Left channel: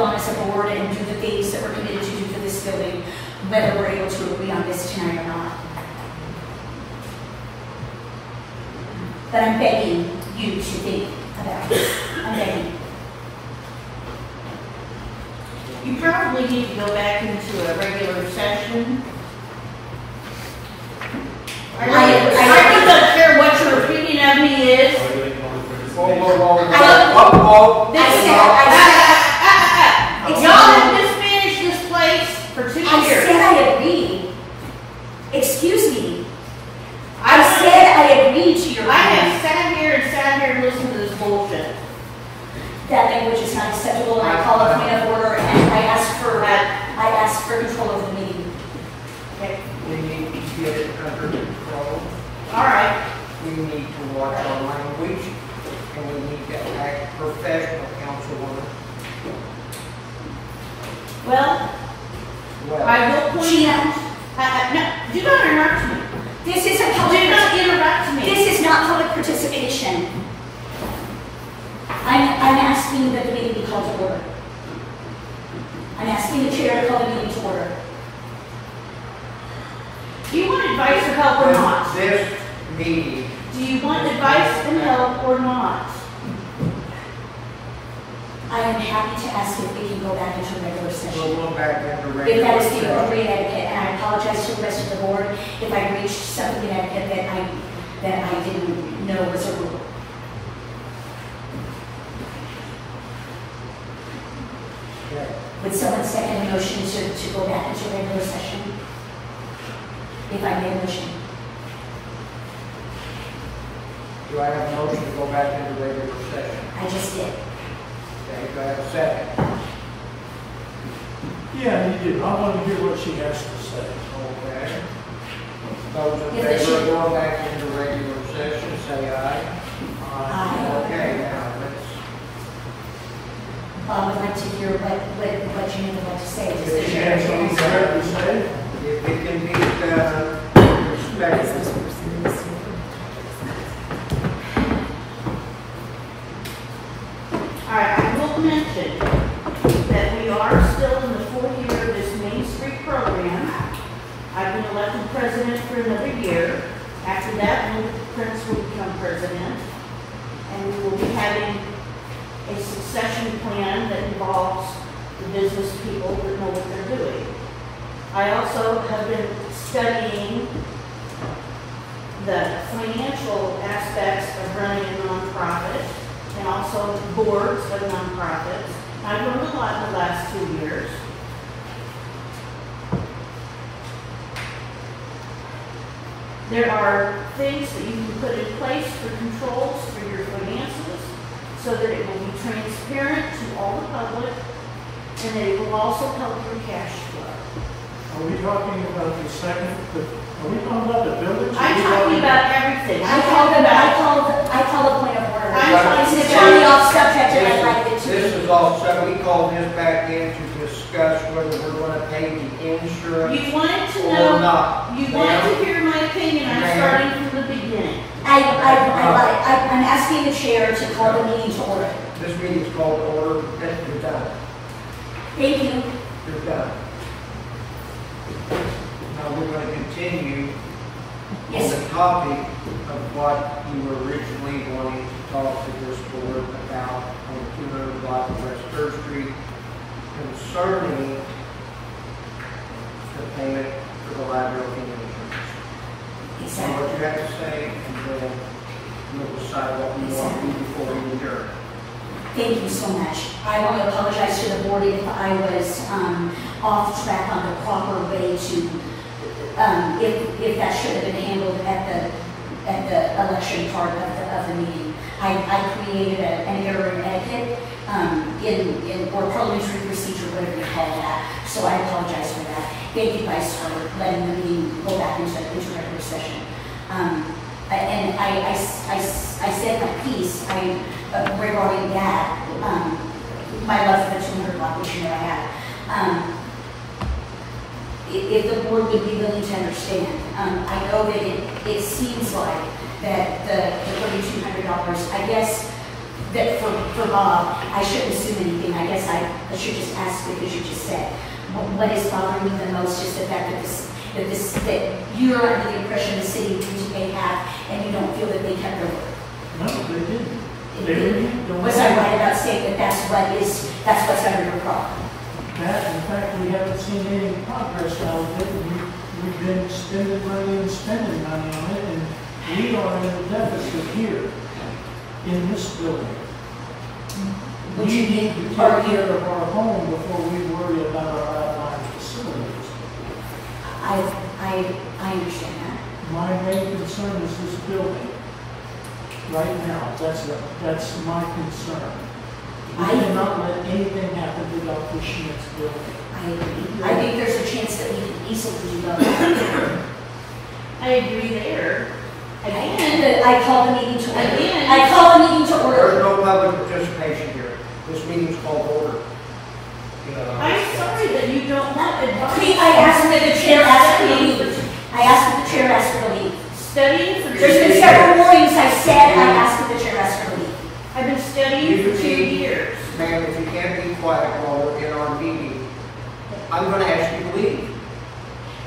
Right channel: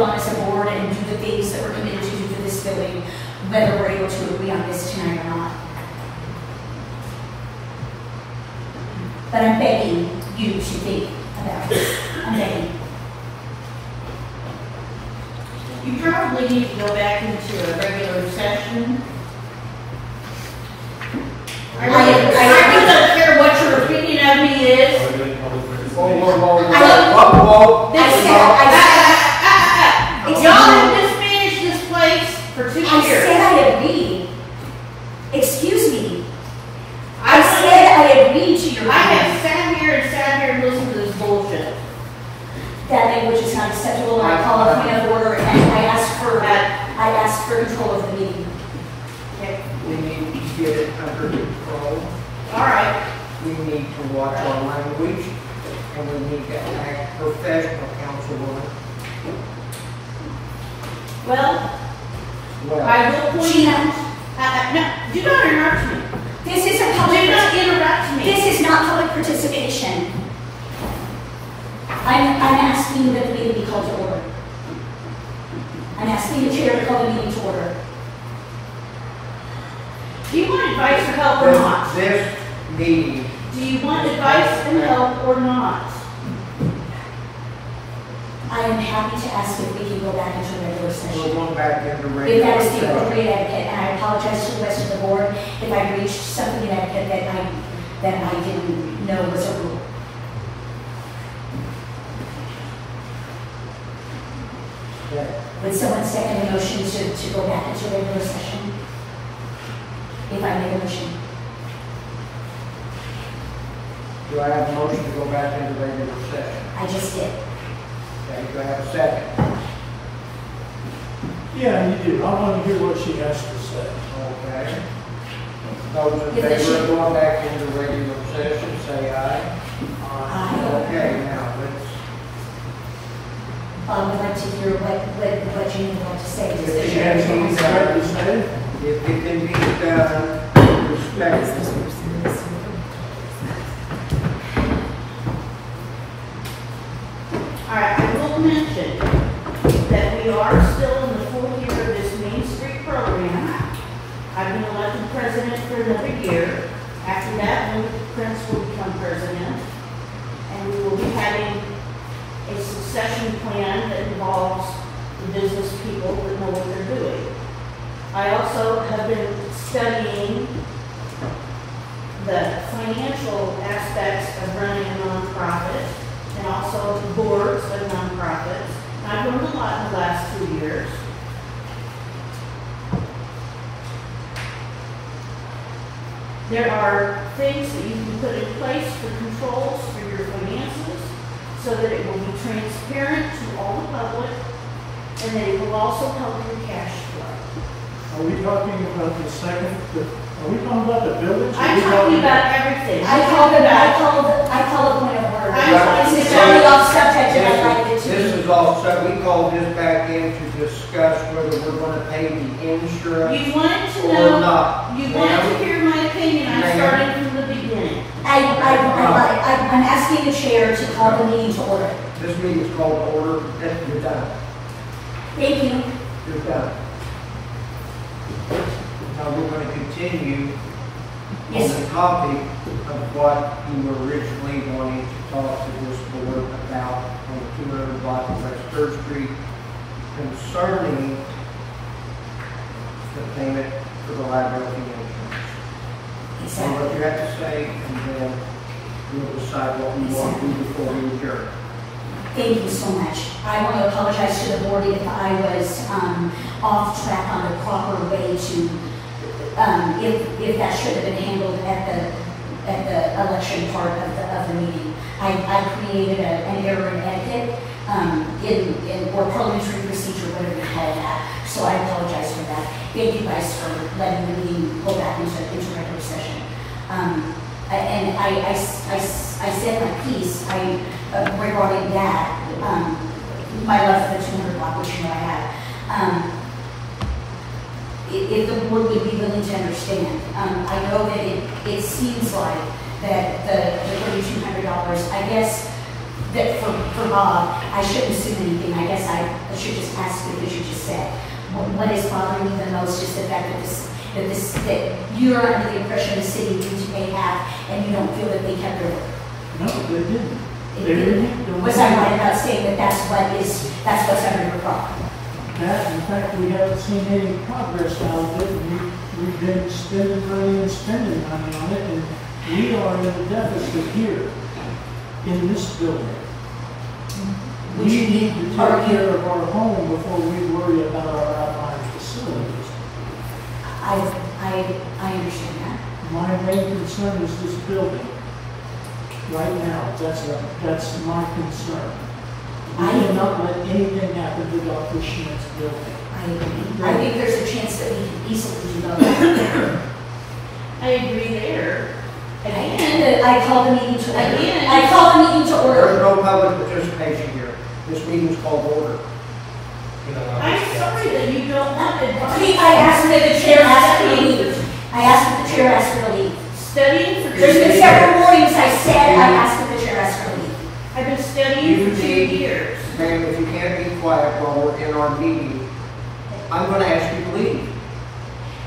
vote on as a board and do the things that we're committed to do for this building, whether we're able to agree on this tonight or not. But I'm begging you to think about it. I'm begging. You probably need to go back into a regular session. I'm not sure what your opinion of me is. Y'all have just finished this place for 2 years. I said I agreed. Excuse me. I said I agreed to your I have sat here and listened to this bullshit. That language is not acceptable. I call a point of order, and I ask for control of the meeting. Okay. We need to get it under control. All right. We need to watch our language, and we need to act professional, Councilwoman. Well, I will point out. No, do not interrupt me. This is a public. Do not interrupt me. This is not public participation. I'm asking that the meeting be called to order. I'm asking the chair to call the meeting to order. Do you want advice or help or not? This meeting. Do you want advice and help or not? I am happy to ask if we can go back into regular session. We're going back into If regular that is the session. appropriate etiquette, and I apologize to the rest of the board if I reached something that I didn't know was a rule. Would someone second a motion to go back into regular session? If I may motion. Do I have a motion to go back into regular session? I just did. Okay, do I have a second? Yeah, you do. I want to hear what she has to say. Okay. Those in favor of going back into regular session, say aye. Okay, now let's. I would like to hear what you have to say. If she has something to say, If it can be done respectfully. All right, I will mention that we are still in the 4th year of this Main Street program. I've been elected president for another year. After that, Linda Prince will become president. And we will be having a succession plan that involves the business people that know what they're doing. I also have been studying the financial aspects of running a nonprofit and also boards of nonprofits. I've learned a lot in the last 2 years. There are things that you can put in place for controls for your finances so that it will be transparent to all the public and that it will also help your cash flow. are we talking about the second? Are we talking about the village? I'm talking about everything. I call a point of order. I'm It's totally off subject and I like it This too. is all, so we called this back in to discuss whether we're going to pay the insurance. You wanted to Or know, not. you wanted to hear my opinion. I'm starting from the beginning. I'm asking the chair to call the meeting to order. This meeting's called to order. You're done. Thank you. You're done. Now we're going to continue on Yes. the topic of what you were originally wanting to talk to this board about on 200 block of West 3rd Street concerning the payment for the liability insurance. So Exactly. what you have to say, and then we'll decide what we want to do before we adjourn. Thank you so much. I want to apologize to the board if I was off track on the proper way to, if that should have been handled at the election part of the meeting. I created an error in etiquette or parliamentary procedure, whatever you call that. So I apologize for that. Thank you guys for letting the meeting go back into regular session. And I said my piece regarding that, my love for the 200 block, which you know I have. If the board would be willing to understand, I know that it seems like that the $3,200, I guess that for Bob, I shouldn't assume anything. I guess I should just ask you, because you just said, what is bothering me the most is the fact that you're under the impression the city may have, and you don't feel that they kept their word. No, they didn't. They didn't. Was I right about saying that that's what's under your problem? That, in fact, we haven't seen any progress out of it. We've been spending money and spending money on it, and we are in a deficit here in this building. We need to take care of our home before we worry about our outlying facilities. I understand that. My main concern is this building. Right now, that's my concern. We cannot let anything happen without pushing this building. I think there's a chance that we can easily do that. I agree there. And I call the meeting to order. Again. I call the meeting to order. There's no public participation here. This meeting is called to order. I'm sorry that you don't want advice. I asked that the chair ask for leave. I asked that the chair ask for leave. Studying for There's been several mornings I said I asked that the chair ask for leave. I've been studying for 2 years. Ma'am, if you can't be quiet while we're in our meeting, I'm going to ask you to leave.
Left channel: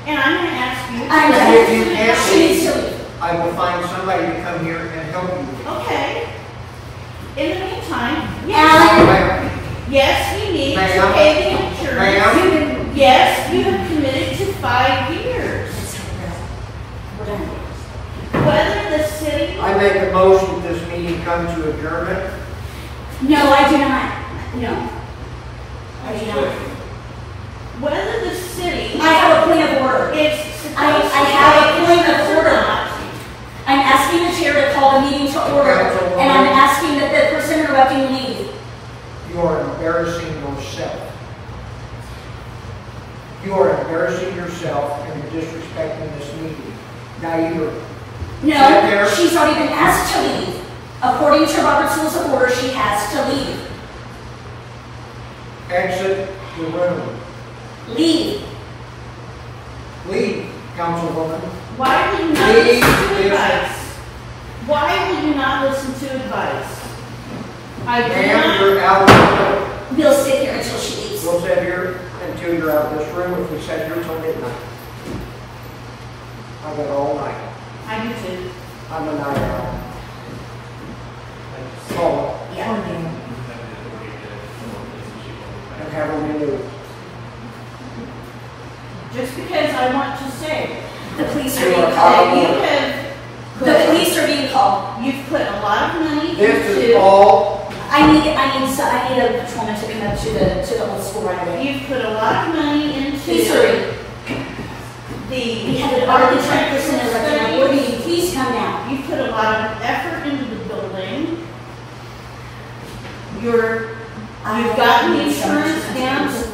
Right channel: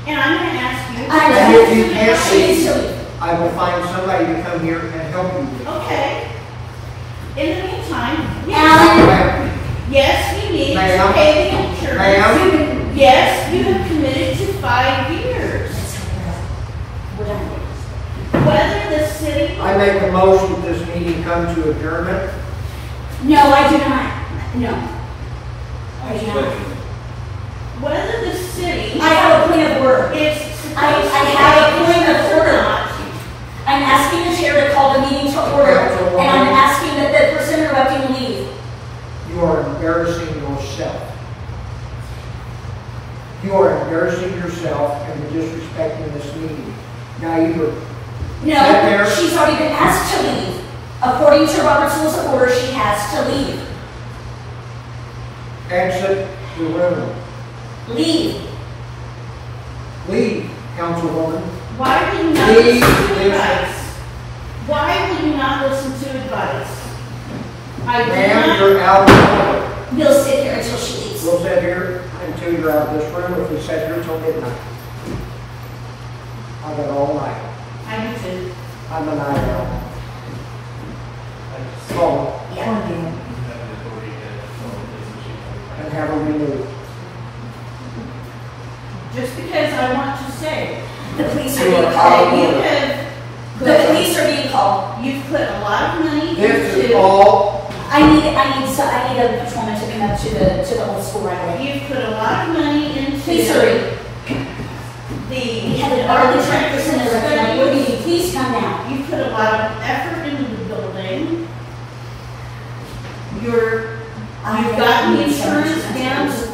And I'm going to ask you. And if you can't She needs to leave, leave. I will find somebody to come here and help you. Okay. In the meantime, Alan, Ma'am, yes, you need to Ma'am. pay the insurance. Ma'am. Yes, you have committed to 5 years. we're done. Whether the city, I make a motion that this meeting come to adjournment. No, I do not. No. I do not. whether the city, I have a point of order. it's I have a point of order. I'm asking the chair to call the meeting to order, and I'm asking that the person interrupting leave. You are embarrassing yourself. You are embarrassing yourself and you're disrespecting this meeting. Now No, she's already been asked to leave. According to Robert's Rules of Order, she has to leave. exit the room. Leave. Leave, Councilwoman. why will you not Please, listen to please. advice? Why will you not listen to advice? I do Ma'am, not. you're out. We'll sit here until she leaves. We'll sit here until you're out of this room. If we sit here till midnight. I got all night. I do too. I'm a night owl. Call it Yeah. and have her removed. Just because I want to say, The police are You being are called. out. you have, The police are being called. you've put a lot of money This is into, all, I need a patrolman to come up to the old school right away. you've put a lot of money into Please hurry. the. We have an arbitrary person that recommended we're meeting. Please come down. You've put a lot of effort into the building. You've gotten the insurance down to